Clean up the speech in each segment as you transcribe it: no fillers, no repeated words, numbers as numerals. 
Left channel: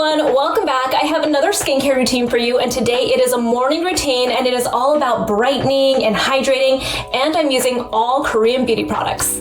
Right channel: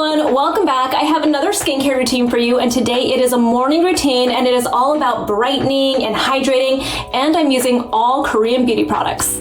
everyone, welcome back. I have another skincare routine for you, and today it is a morning routine and it is all about brightening and hydrating, and I'm using all Korean beauty products.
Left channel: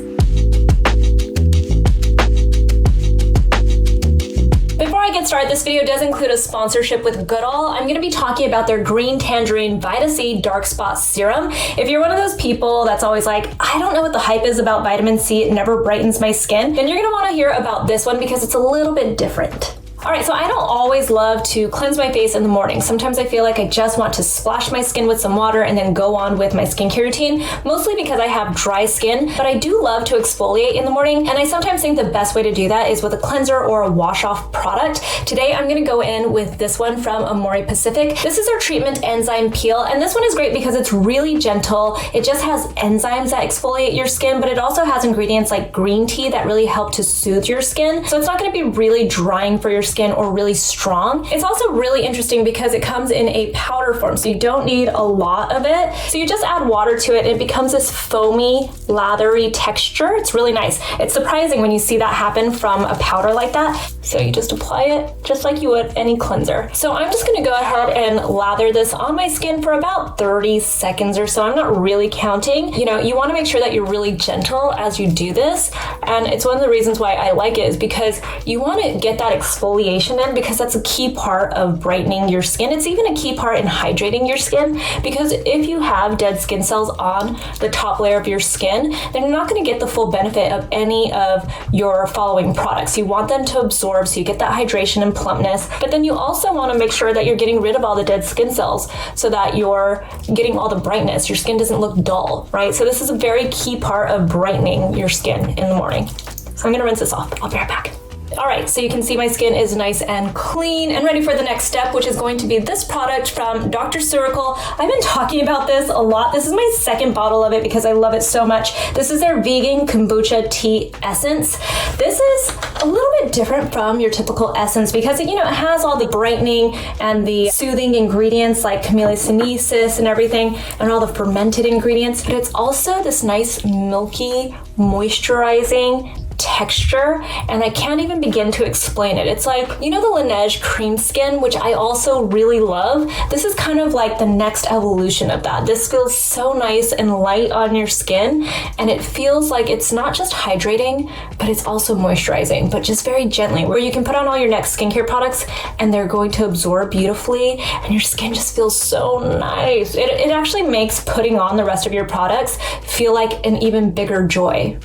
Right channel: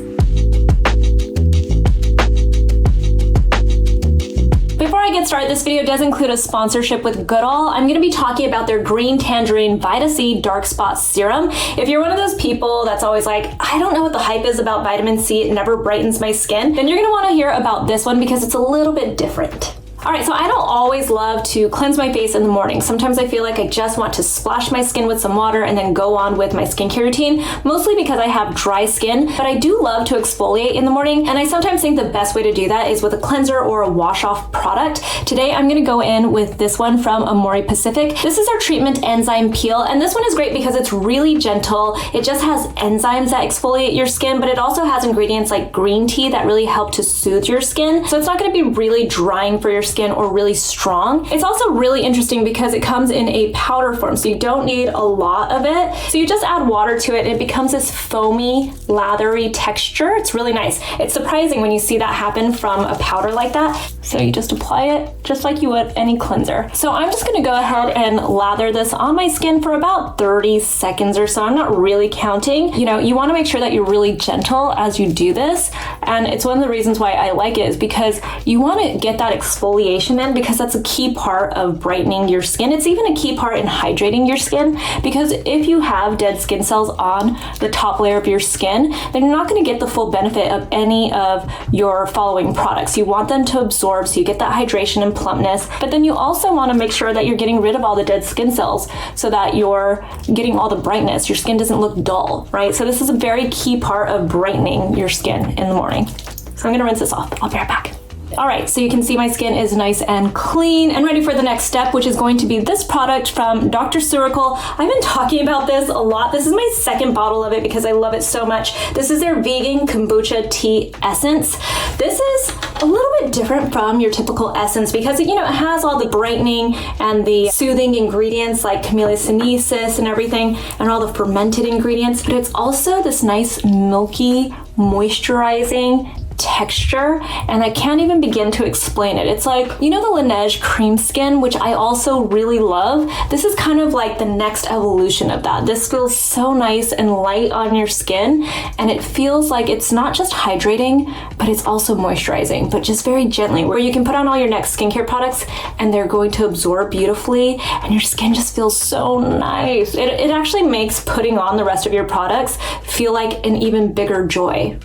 Before I get started, this video does include a sponsorship with Goodal. I'm going to be talking about their Green Tangerine Vita C Dark Spot Serum. If you're one of those people that's always like, I don't know what the hype is about vitamin C, it never brightens my skin, then you're going to want to hear about this one because it's a little bit different. Alright, so I don't always love to cleanse my face in the morning. Sometimes I feel like I just want to splash my skin with some water and then go on with my skincare routine, mostly because I have dry skin, but I do love to exfoliate in the morning, and I sometimes think the best way to do that is with a cleanser or a wash-off product. Today I'm going to go in with this one from Amorepacific. This is our treatment enzyme peel, and this one is great because it's really gentle. It just has enzymes that exfoliate your skin, but it also has ingredients like green tea that really help to soothe your skin, so it's not going to be really drying for your skin or really strong. It's also really interesting because it comes in a powder form, so you don't need a lot of it. So you just add water to it and it becomes this foamy, lathery texture. It's really nice. It's surprising when you see that happen from a powder like that. So you just apply it just like you would any cleanser. So I'm just gonna go ahead and lather this on my skin for about 30 seconds or so. I'm not really counting. You know, you wanna make sure that you're really gentle as you do this. And it's one of the reasons why I like it is because you wanna get that exfoliation in, because that's a key part of brightening your skin. It's even a key part in hydrating your skin, because if you have dead skin cells on the top layer of your skin, then you're not going to get the full benefit of any of your following products. You want them to absorb so you get that hydration and plumpness, but then you also want to make sure that you're getting rid of all the dead skin cells so that you're getting all the brightness. Your skin doesn't look dull, right? So this is a very key part of brightening your skin in the morning. So I'm going to rinse this off. I'll be right back. Alright, so you can see my skin is nice and clean and ready for the next step, which is going to be this product from Dr. Ceuracle. I've been talking about this a lot. This is my second bottle of it because I love it so much. This is their vegan kombucha tea essence. This is a little bit different from your typical essence because it has all the brightening and the soothing ingredients like camellia sinensis and everything, and all the fermented ingredients, but it's also this nice milky moisturizing texture, and I can't even begin to explain it. It's like, the Laneige cream skin, which I also really love. This is kind of like the next evolution of that. This feels so nice and light on your skin, and it feels like it's not just hydrating, but it's also moisturizing, but just very gently, where you can put on all your next skincare products and they're going to absorb beautifully, and your skin just feels so nice. It actually makes putting on the rest of your products feel like an even bigger joy.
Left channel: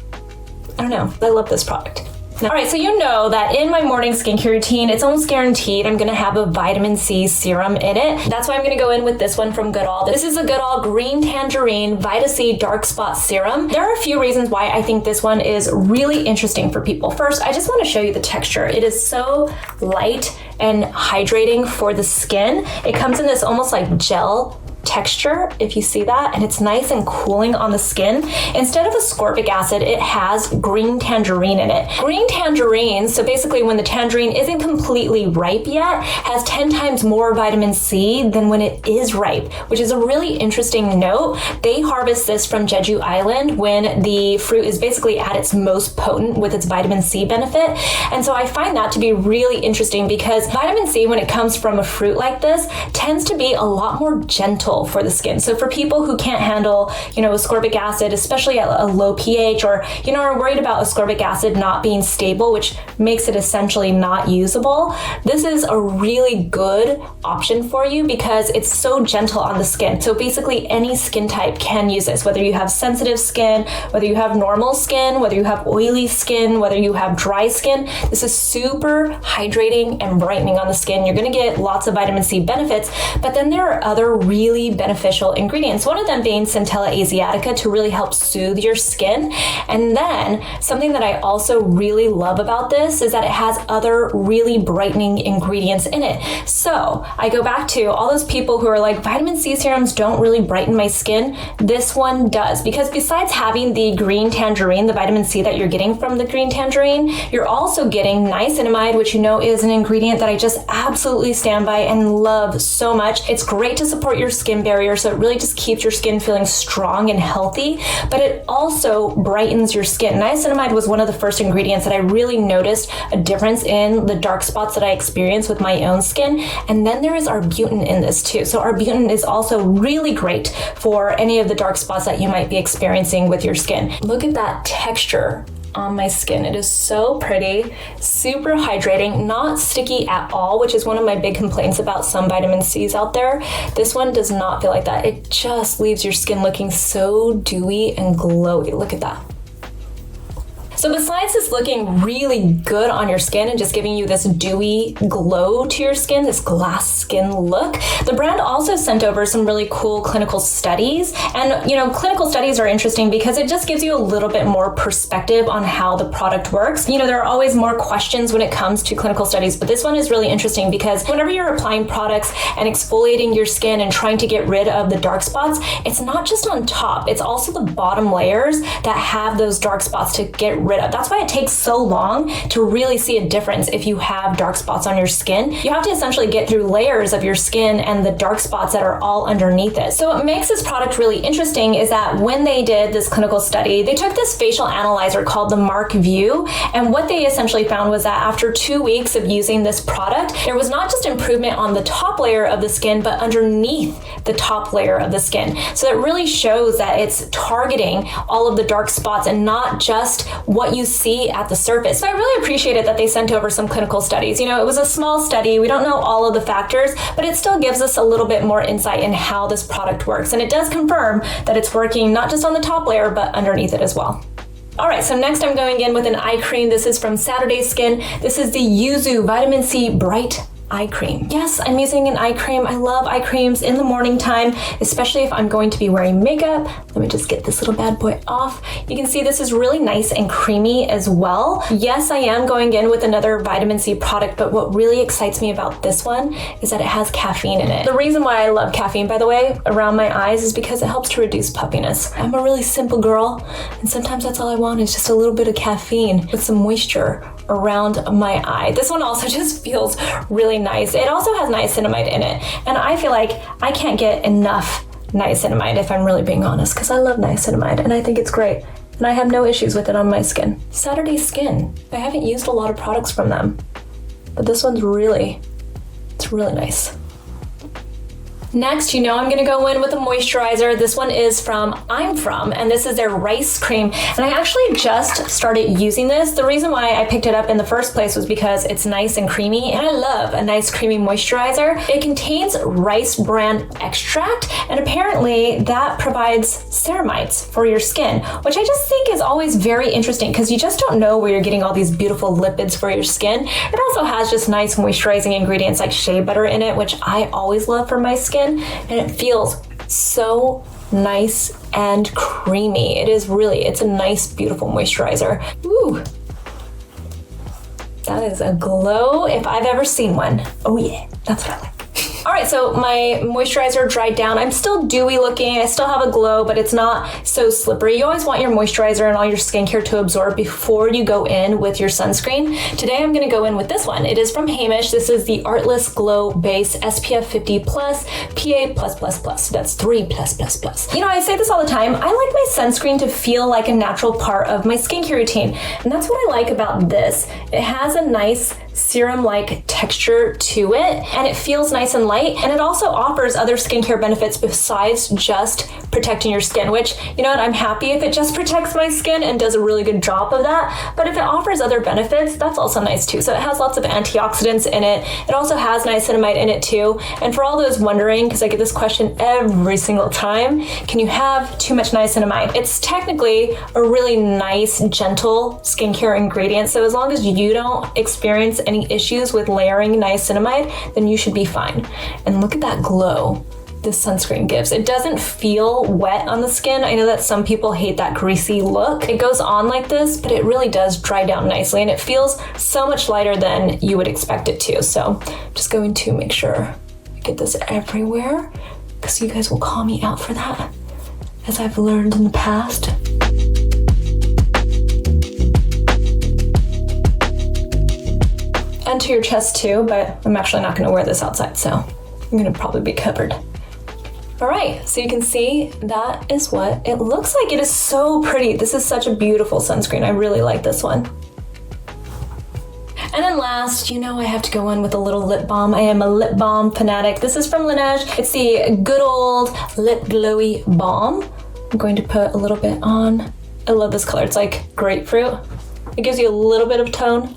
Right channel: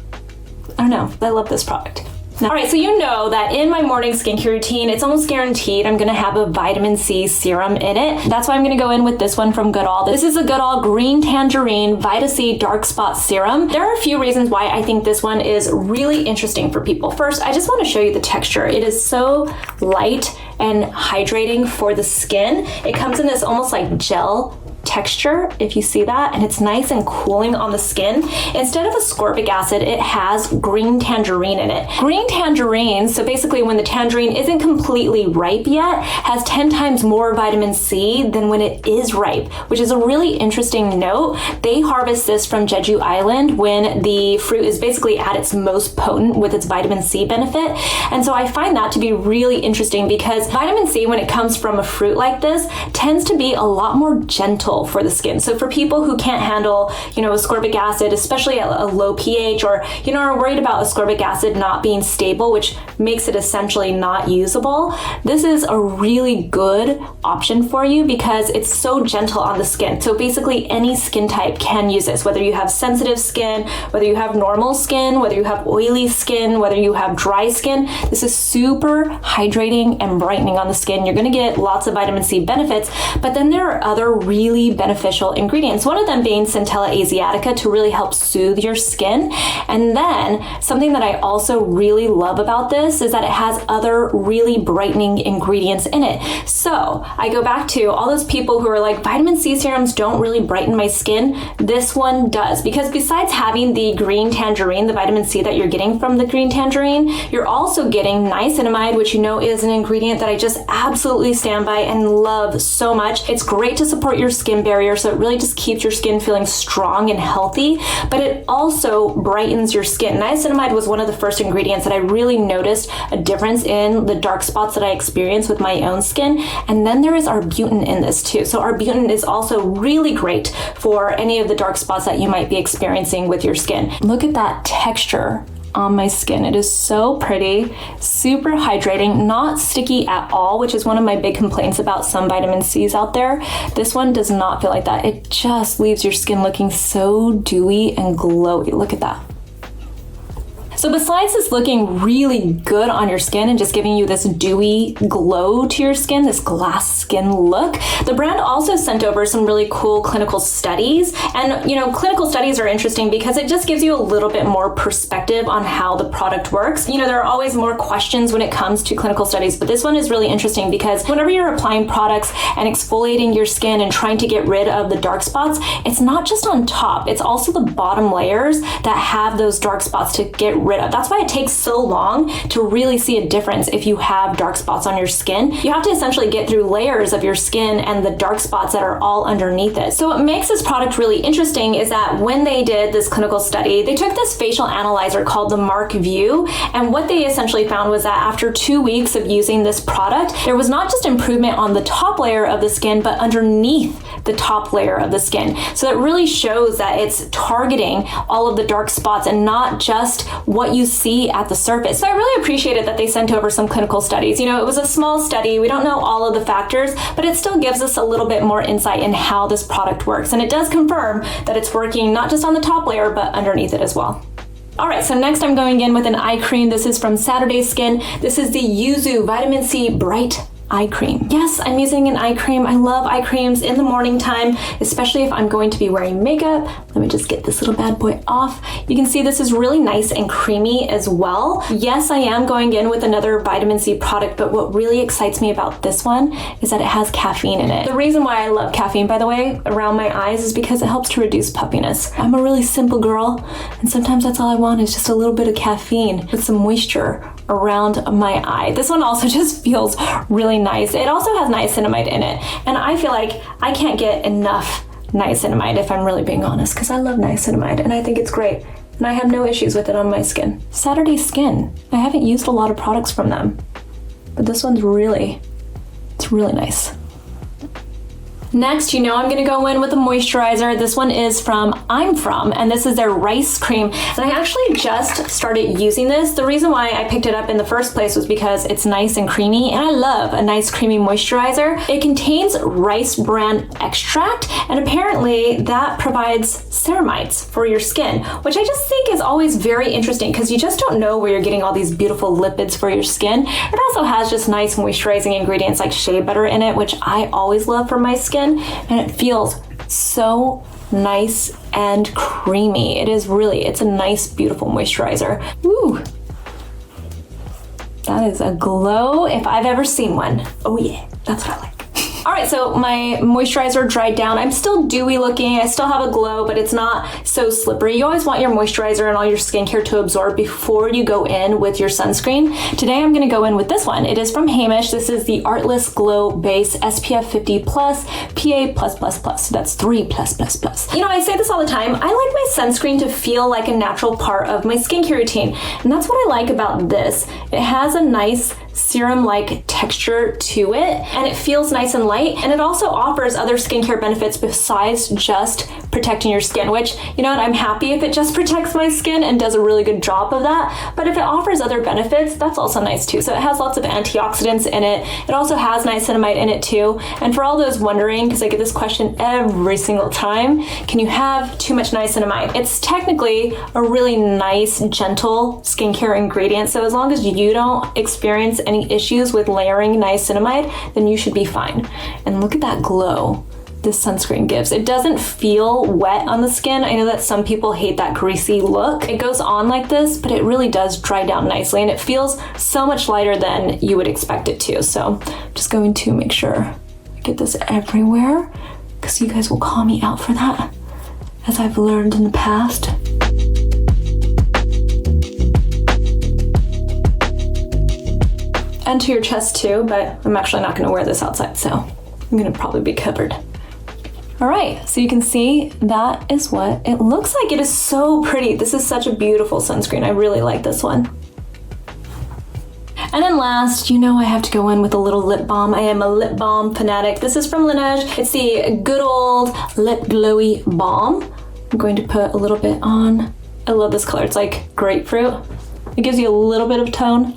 I don't know, I love this product. Alright, so you know that in my morning skincare routine, it's almost guaranteed I'm going to have a vitamin C serum in it. That's why I'm going to go in with this one from Goodal. This is a Goodal Green Tangerine Vita C Dark Spot Serum. There are a few reasons why I think this one is really interesting for people. First, I just want to show you the texture. It is so light and hydrating for the skin. It comes in this almost like gel texture, if you see that, and it's nice and cooling on the skin. Instead of ascorbic acid, it has green tangerine in it. Green tangerine, so basically when the tangerine isn't completely ripe yet, has 10 times more vitamin C than when it is ripe, which is a really interesting note. They harvest this from Jeju Island when the fruit is basically at its most potent with its vitamin C benefit. And so I find that to be really interesting because vitamin C, when it comes from a fruit like this, tends to be a lot more gentle for the skin. So for people who can't handle, ascorbic acid, especially at a low pH, or, are worried about ascorbic acid not being stable, which makes it essentially not usable, this is a really good option for you because it's so gentle on the skin. So basically any skin type can use this, whether you have sensitive skin, whether you have normal skin, whether you have oily skin, whether you have dry skin. This is super hydrating and brightening on the skin. You're going to get lots of vitamin C benefits, but then there are other really beneficial ingredients, one of them being Centella asiatica to really help soothe your skin. And then something that I also really love about this is that it has other really brightening ingredients in it. So I go back to all those people who are like, vitamin C serums don't really brighten my skin. This one does, because besides having the green tangerine, the vitamin C that you're getting from the green tangerine, you're also getting niacinamide, which is an ingredient that I just absolutely stand by and love so much. It's great to support your skin skin barrier, so it really just keeps your skin feeling strong and healthy, but it also brightens your skin. Niacinamide was one of the first ingredients that I really noticed a difference in the dark spots that I experienced with my own skin. And then there is arbutin in this too. So arbutin is also really great for any of the dark spots that you might be experiencing with your skin. Look at that texture on my skin. It is so pretty, super hydrating, not sticky at all, which is one of my big complaints about some vitamin C's out there. This one does not feel like that. It just leaves your skin looking so dewy and glowy. Look at that. So besides this looking really good on your skin and just giving you this dewy glow to your skin, this glass skin look, the brand also sent over some really cool clinical studies. And clinical studies are interesting because it just gives you a little bit more perspective on how the product works. There are always more questions when it comes to clinical studies, but this one is really interesting because whenever you're applying products and exfoliating your skin and trying to get rid of the dark spots, it's not just on top, it's also the bottom layers that have those dark spots to get rid of. That's why it takes so long to really see a difference if you have dark spots on your skin. You have to essentially get through layers of your skin and the dark spots that are all underneath it. So what makes this product really interesting is that when they did this clinical study, they took this facial analyzer called the Mark View, and what they essentially found was that after 2 weeks of using this product, there was not just improvement on the top layer of the skin, but underneath the top layer of the skin. So it really shows that it's targeting all of the dark spots and not just what you see at the surface. So I really appreciated that they sent over some clinical studies. It was a small study. We don't know all of the factors, but it still gives us a little bit more insight in how this product works. And it does confirm that it's working not just on the top layer, but underneath it as well. All right, so next I'm going in with an eye cream. This is from Saturday Skin. This is the Yuzu Vitamin C Bright eye cream. Yes, I'm using an eye cream. I love eye creams in the morning time, especially if I'm going to be wearing makeup. Let me just get this little bad boy off. You can see this is really nice and creamy as well. Yes, I am going in with another vitamin C product, but what really excites me about this one is that it has caffeine in it. The reason why I love caffeine, by the way, around my eyes is because it helps to reduce puffiness. I'm a really simple girl, and sometimes that's all I want is just a little bit of caffeine with some moisture around my eye. This one also just feels really nice. It also has niacinamide in it, and I feel like I can't get enough niacinamide if I'm really being honest, because I love niacinamide and I think it's great, and I have no issues with it on my skin. Saturday Skin, I haven't used a lot of products from them, but this one's really nice. Next, I'm gonna go in with a moisturizer. This one is from and this is their rice cream. And I actually just started using this. The reason why I picked it up in the first place was because it's nice and creamy, and I love a nice creamy moisturizer. It contains rice bran extract, and apparently that provides ceramides for your skin, which I just think is always very interesting because you just don't know where you're getting all these beautiful lipids for your skin. It also has just nice moisturizing ingredients like shea butter in it, which I always love for my skin. And it feels so nice and creamy. It's a nice, beautiful moisturizer. Ooh, that is a glow if I've ever seen one. Oh yeah, that's what I like. All right, so my moisturizer dried down. I'm still dewy looking. I still have a glow, but it's not so slippery. You always want your moisturizer and all your skincare to absorb before you go in with your sunscreen. Today, I'm gonna go in with this one. It is from Heimish. This is the Artless Glow Base SPF 50+, PA+++. So that's 3+++. I say this all the time. I like my sunscreen to feel like a natural part of my skincare routine. And that's what I like about this. It has a nice serum-like texture to it, and it feels nice and light, and it also offers other skincare benefits besides just protecting your skin, which, I'm happy if it just protects my skin and does a really good job of that, but if it offers other benefits, that's also nice too. So it has lots of antioxidants in it. It also has niacinamide in it too, and for all those wondering, because I get this question every single time, can you have too much niacinamide? It's technically a really nice, gentle skincare ingredient, so as long as you don't experience any issues with layering niacinamide, then you should be fine. And look at that glow this sunscreen gives. It doesn't feel wet on the skin. I know that some people hate that greasy look. It goes on like this, but it really does dry down nicely, and it feels so much lighter than you would expect it to. So just going to make sure I get this everywhere, because you guys will call me out for that, as I've learned in the past. And to your chest too, but I'm actually not gonna wear this outside, so I'm gonna probably be covered. All right, so you can see that is what it looks like. It is so pretty. This is such a beautiful sunscreen. I really like this one. And then last, you know I have to go in with a little lip balm. I am a lip balm fanatic. This is from Laneige. It's the Good Old Lip Glowy Balm. I'm going to put a little bit on. I love this color. It's like grapefruit. It gives you a little bit of tone,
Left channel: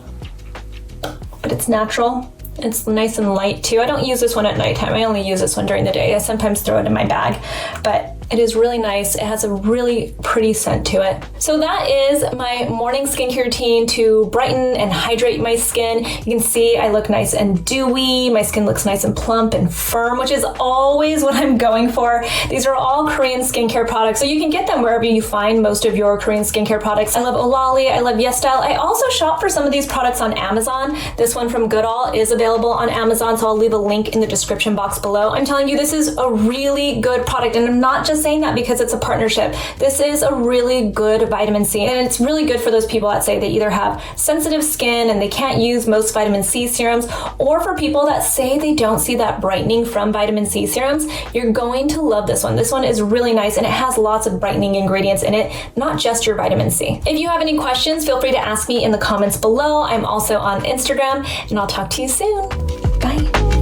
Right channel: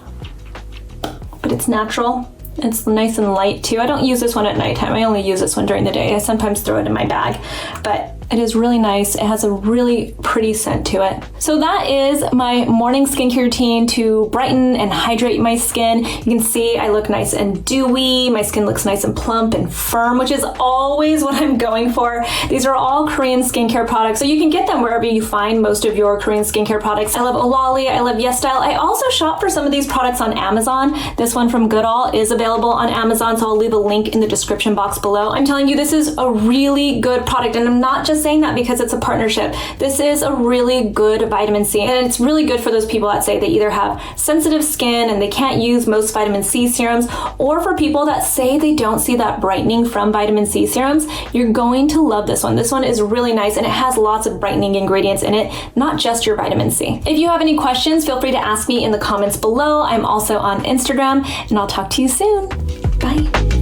but it's natural. It's nice and light too. I don't use this one at nighttime. I only use this one during the day. I sometimes throw it in my bag, but it is really nice. It has a really pretty scent to it. So that is my morning skincare routine to brighten and hydrate my skin. You can see I look nice and dewy. My skin looks nice and plump and firm, which is always what I'm going for. These are all Korean skincare products, so you can get them wherever you find most of your Korean skincare products. I love Olali, I love YesStyle. I also shop for some of these products on Amazon. This one from Goodal is available on Amazon, so I'll leave a link in the description box below. I'm telling you, this is a really good product, and I'm not just saying that because it's a partnership. This is a really good vitamin C, and it's really good for those people that say they either have sensitive skin and they can't use most vitamin C serums, or for people that say they don't see that brightening from vitamin C serums. You're going to love this one. This one is really nice, and it has lots of brightening ingredients in it, not just your vitamin C. If you have any questions, feel free to ask me in the comments below. I'm also on Instagram, and I'll talk to you soon. Bye.